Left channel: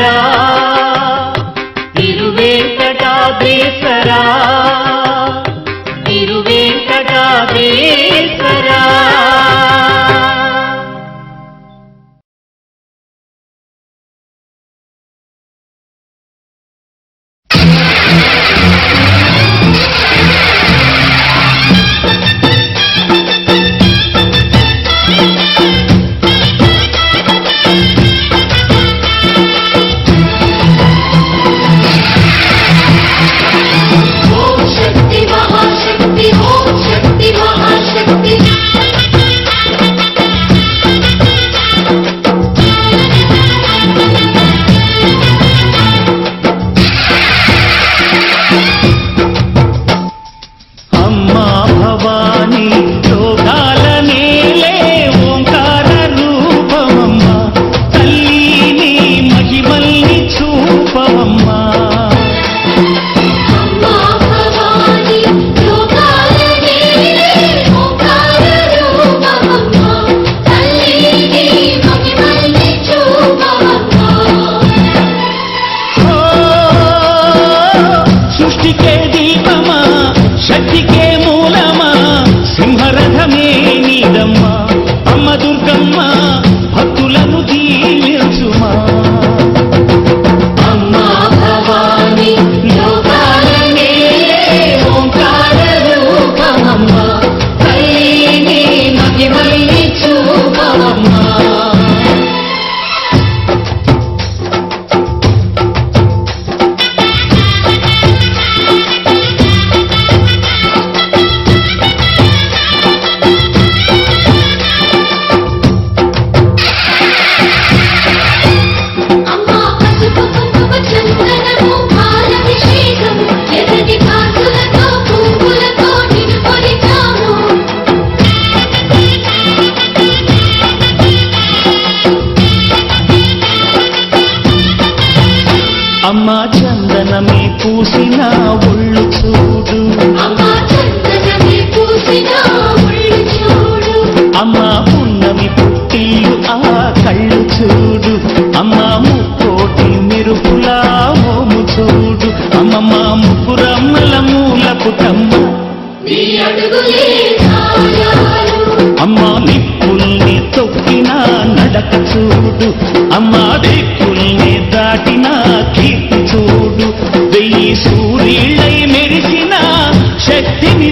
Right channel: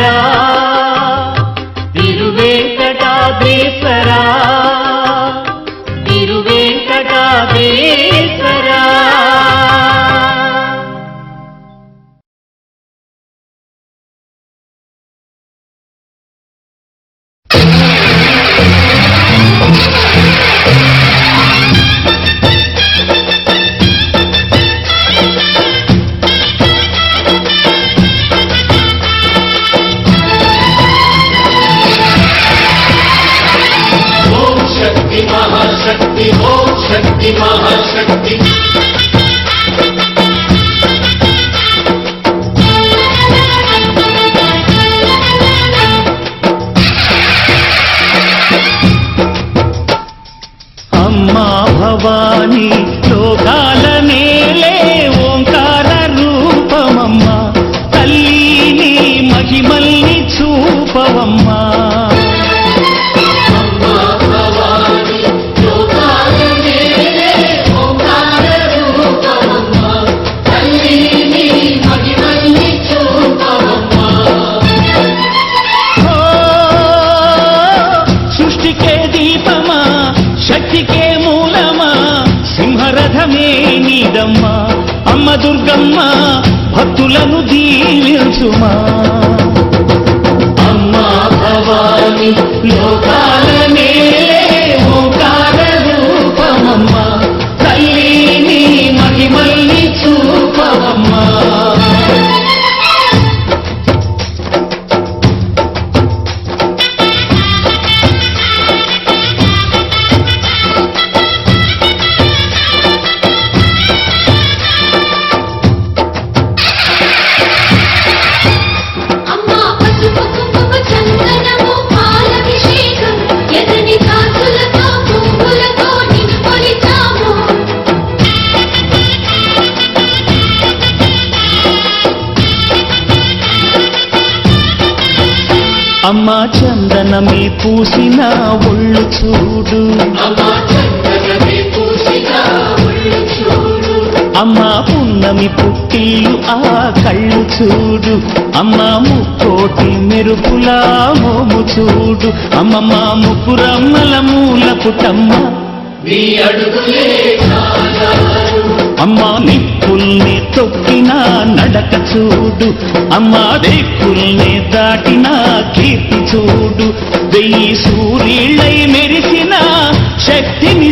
వెంకటాద్రీశ్వరా తిరువేంకటాద్రీశ్వరా తిరువేంకటాద్రీశ్వరా. అమ్మా భవానీ లోకాల నేలే ఓంకార రూపమమ్మా, తల్లిని మహిమల్ని చూపవమ్మా. సృష్టికే దీపమా, శక్తికే మూలమా, సింహరథమే నీదమ్మా. అమ్మ దుర్గమ్మ భక్తులను దీవించుమా. అమ్మా భవానీ లోకాల నేలే ఓంకార రూపమమ్మా, తల్లిని మహిమల్ని చూపవమ్మా. అమ్మా చందనమే పూసిన ఒళ్ళు చూడు, అమ్మా పున్నమి పుట్టిల్లు ఆ కళ్ళు చూడు, అమ్మా ముక్కోటి మెరుపులా మోము చూడు. అమ్మమ్మ ముగ్గురమ్మల మూల పుట్టమ్మ, అమ్మా నిప్పుల్ని తొక్కిన నడక చూడు, అమ్మా దిక్కుల్ని దాటిన కీర్తి చూడు. 1000 సూర్యుళ్ళై మెరిసిన శక్తిని